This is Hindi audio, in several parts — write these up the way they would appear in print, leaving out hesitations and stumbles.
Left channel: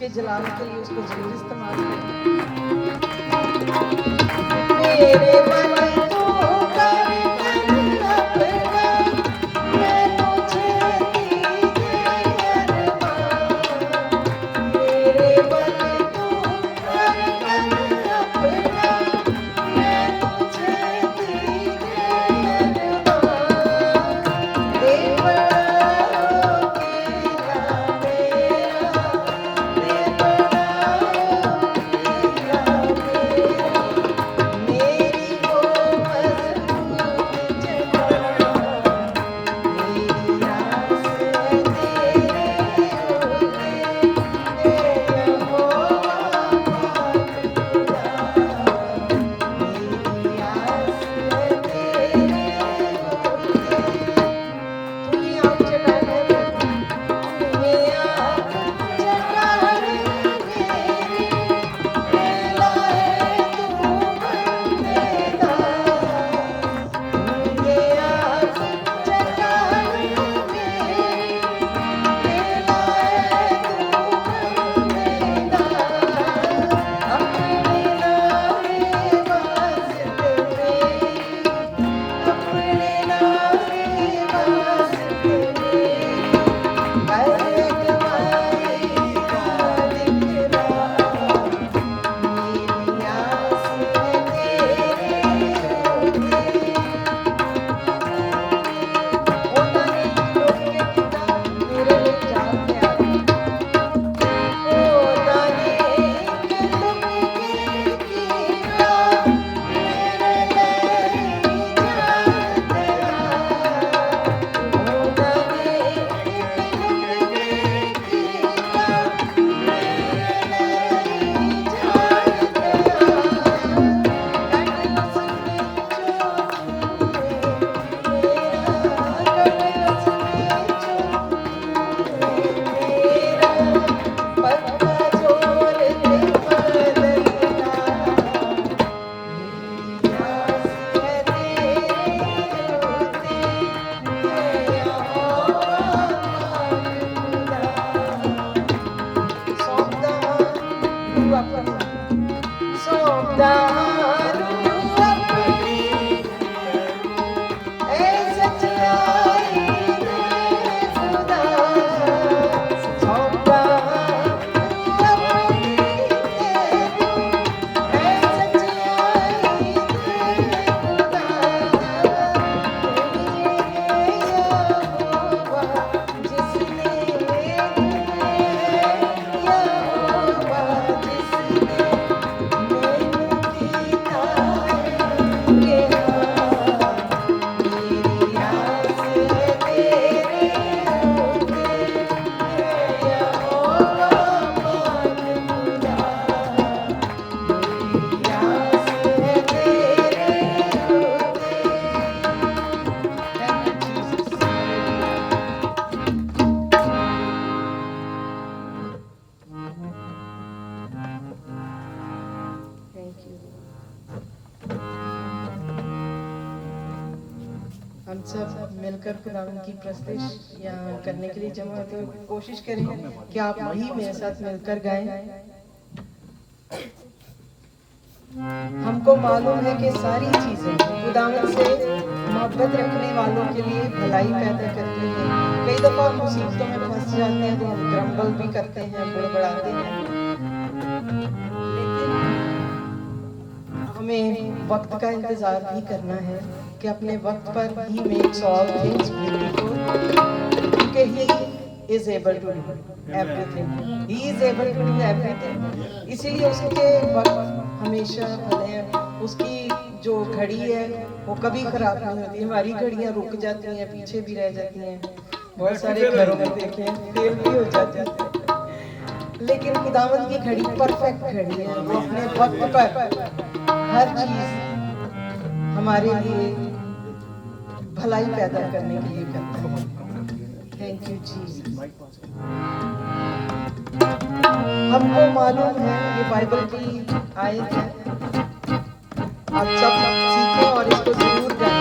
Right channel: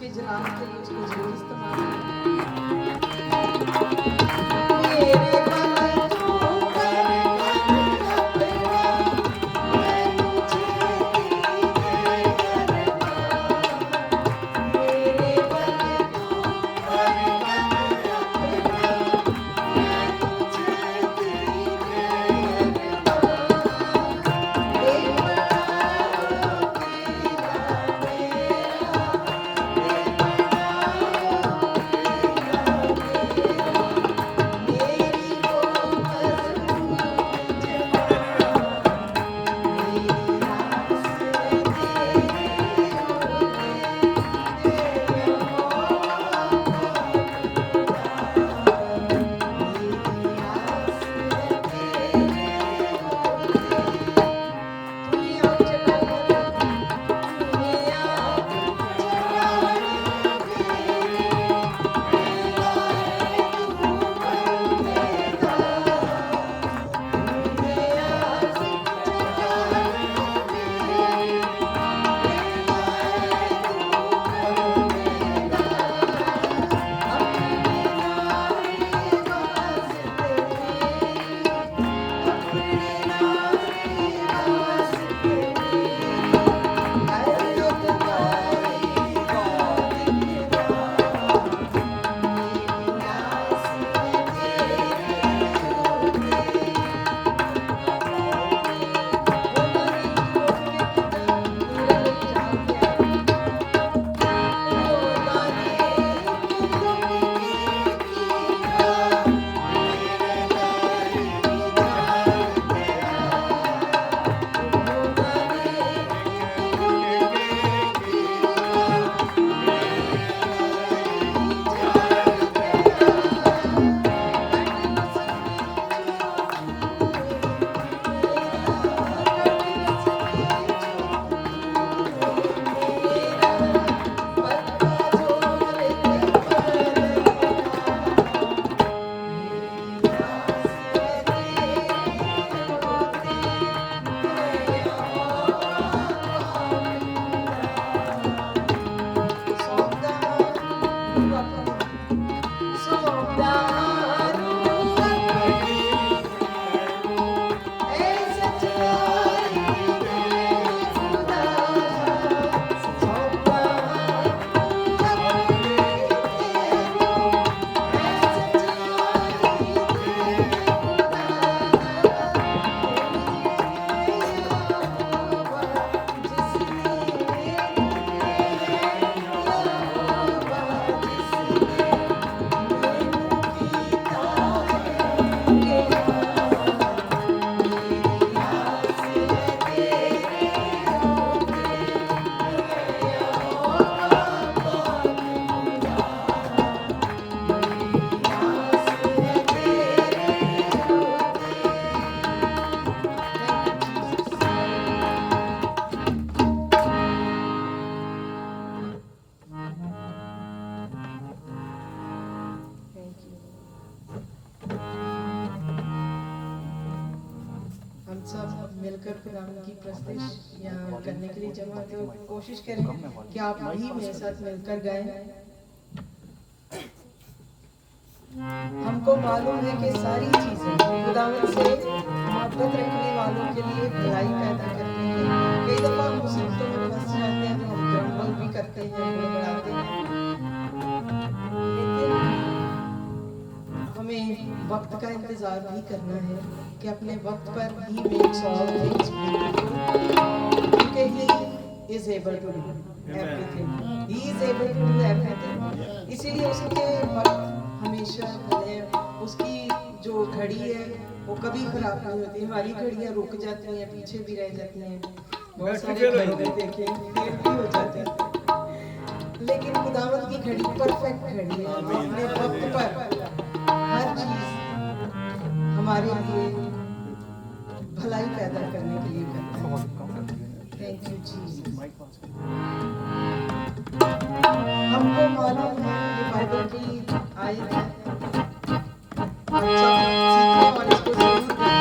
उसके जलाल के लिए उसको जरूर इस्तेमाल करें। मेरे मन को कर अपना मैं मुझे दीजिए अरमान। मेरे मन को कर अपना मैं मुझे दीजिए हम सब मिलकर खुदावंद की प्रस्तुति यहाँ करने के लिए जमा होते हुए कोशिश करें कि आप भी मेरे साथ मिलकर गाएं। हमको मालूम है कि सारी चीजें खुदावंद से मोहब्बत रखने वालों के लिए भलाई पैदा करती हैं। कई दफा हम मुसीबतों में फंस जाते हैं तो हम ग्रम्बल भी करते हैं, बड़बड़ाते हैं, लेकिन हमें वक्त का इंतजार भी करना है कि अपने वक्त पर he makes all things beautiful, क्योंकि he is able to do everything, he is able to do everything. इसीलिए उसके वक्त हमेशा भले, उसकी जो घड़ी है वो कभी खराब नहीं होती। हमारी घड़ियां रुक जाती हैं, पीछे भी रह जाती हैं, बहुत सारे घरों में देखे फेल भी हो जाते हैं, लेकिन खुदावंद की घड़ी परफेक्ट घड़ी है। अपने वक्त पर हर चीज हमारे लिए भलाई पैदा करने के लिए करता है। Thank you Jesus. हमको मालूम है ये बाइबल की आयत है, आप सब सीखें और इसको जरूर करें।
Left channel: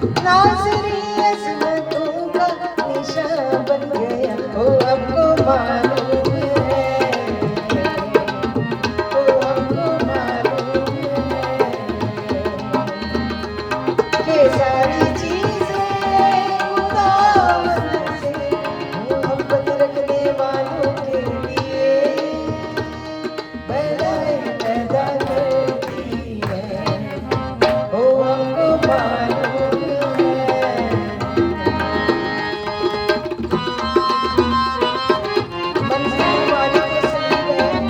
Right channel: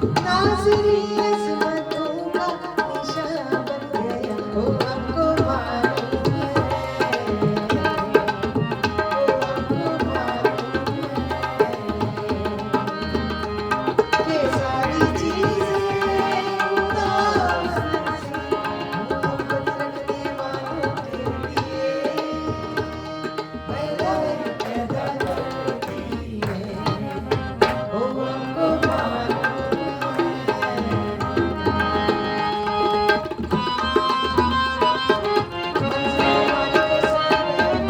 नाज़री अज़मतों का निशान बन गया, ओ हमको मालूम है, ओ हमको मालूम है कि सारी चीज़ें खुदावंद से मोहब्बत रखने वालों के लिए बनाए पैदा करती है, ओ हमको मालूम है। मंज़िल हमारी तो सलीब है,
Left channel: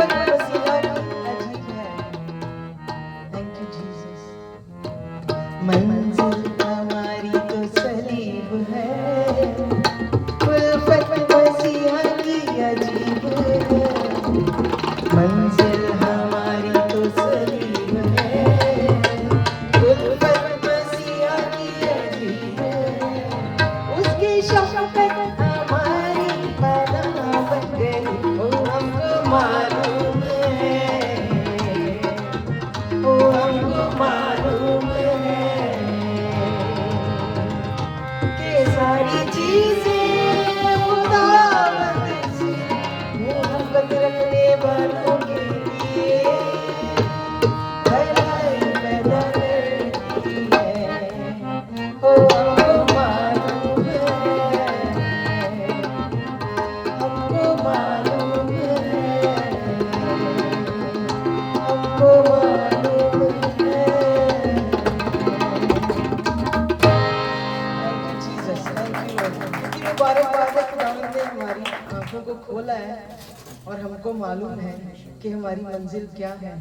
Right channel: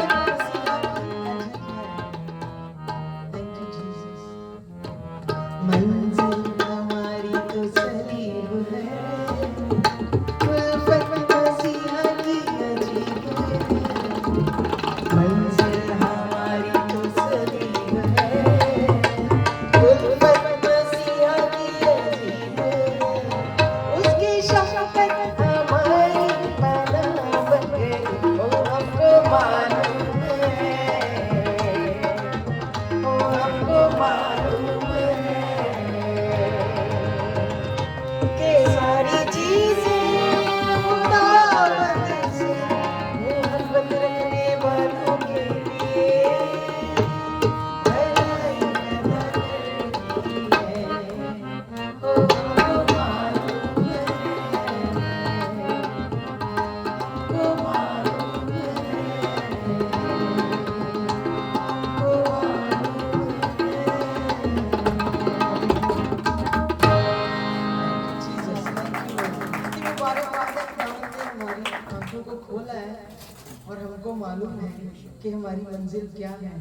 उल्फत मसीहा की अजीब है। Thank you Jesus. मंजिल हमारी तो सलीब है, उल्फत मसीहा की अजीब है। मंजिल हमारी तो सलीब है, उल्फत मसीहा की अजीब है। उसकी शफ़क़त हमारी पनाह बन गई, ओ हमको मालूम है, ओ हमको मालूम है कि सारी चीज़ें खुदावंद से मोहब्बत रखने वालों के लिए भलाई पैदा करती है, ओ हमको मालूम है, हमको मालूम है, हमको मालूम है। Thank you Jesus, thank you Lord. इतनी मुबारकबाद है, खुदावंद ने हमारी आंखों को खोला है और हमको मालूम है कि हमारी मंजिल क्या है।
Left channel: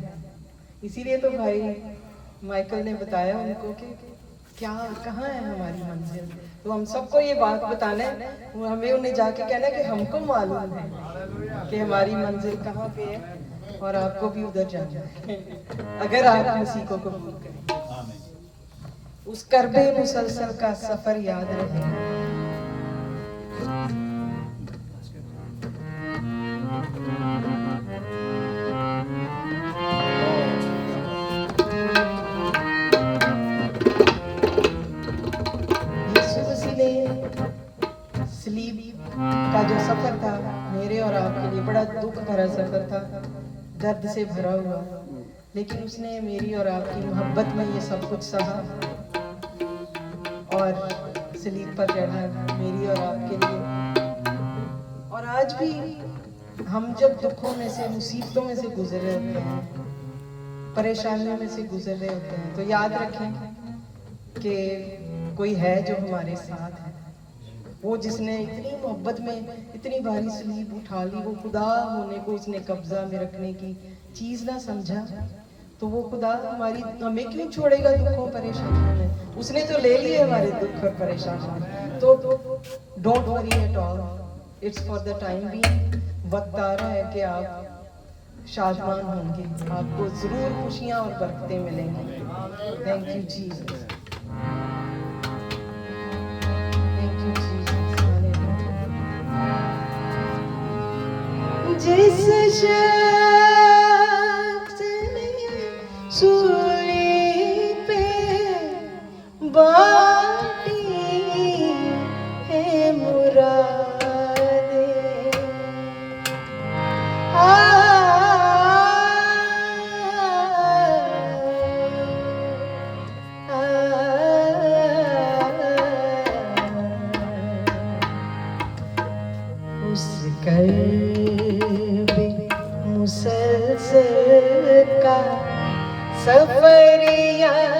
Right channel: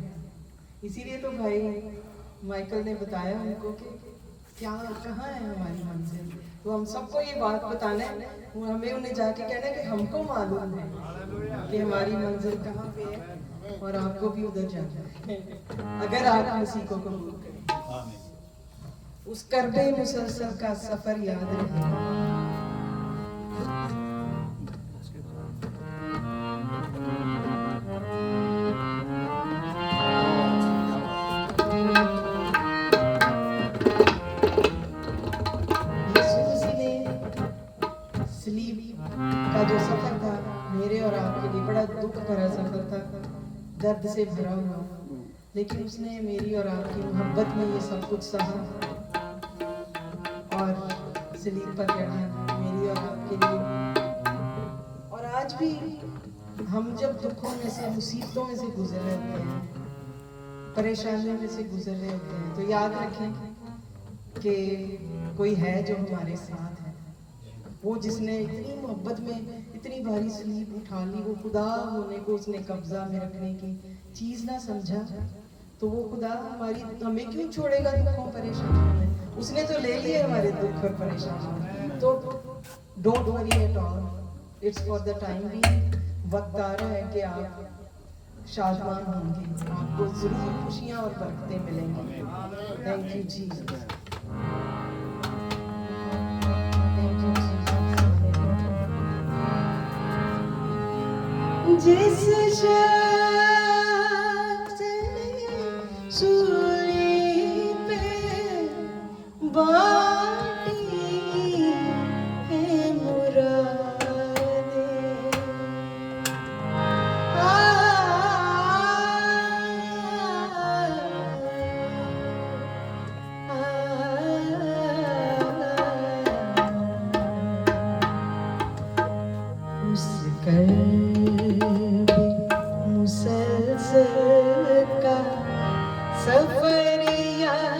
इसीलिए तो भाई माइकल ने बताया उनको कि क्या कहाँ है हमारी मंजिल। तो हम सबको ये बात बताना है, वो हमें उन्हें जाके कहना है कि हमको मालूम है कि हमारी मंजिल कहाँ पे है और आपको भी उधर जाना है अगर आप मसीह को कबूल करें। उस करबे मुसलसल का सफर याद रहे। यीशु मसीह ने सलीब का जो सफर था मेरे और आपके लिए बड़ा दुख भरा सफर था, दर्द से भरा हुआ, लेकिन उसने मेरी और आपकी मोहब्बत में ये सब कुछ सहा और सलीब पर चढ़ा मेरी और आपके लिए। और आज भी हम जब दुखों में से, मुसीबतों में से गुजर रहे होते हैं, परेशानियों में से गुजर रहे होते हैं, तो याद रखें कि कोई है जो हमारे साथ है। वो जिसने इतनी मोहब्बत में इतनी भारी सलीब उठा ली, वो खुदा होने को उसने कब्जा में रखने की चीज ना समझा, तो वो खुदा हमें क्यों छोड़ेगा दुखों परेशानियों में। उसने तो ले लिए हमारे दुख और परेशानियां, तो don't worry at all, it's for the time being. वक्त आ रहा है कि आप शादमान होंगे, आपको जरूर खुशियां और बरकतें मिलेंगी। Thank you Jesus, thank you Jesus. जिस शख्स ने सूली पे बाटी है मुरादें, उस कर्बे मुसलसल का सफर याद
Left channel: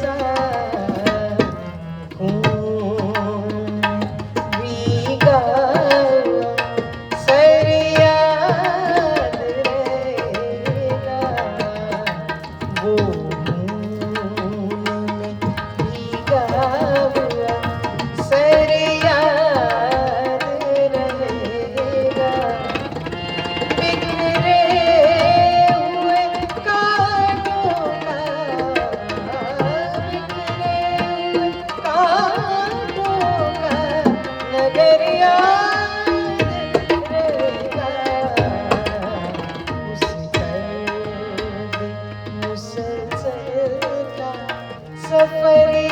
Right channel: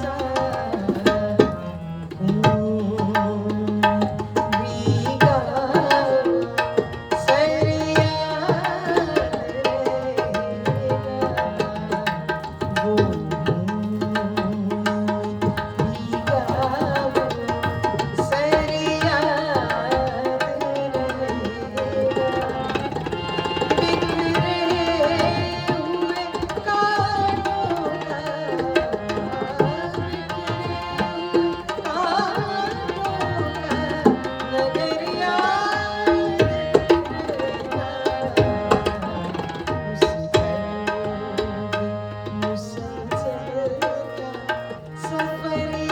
सा भीगा सर याद रहेगा वो भीगा हुआ सर याद रहेगा बिखरे हुए कांटों का नगर याद रहेगा उस दर्द मुसलसल का सफर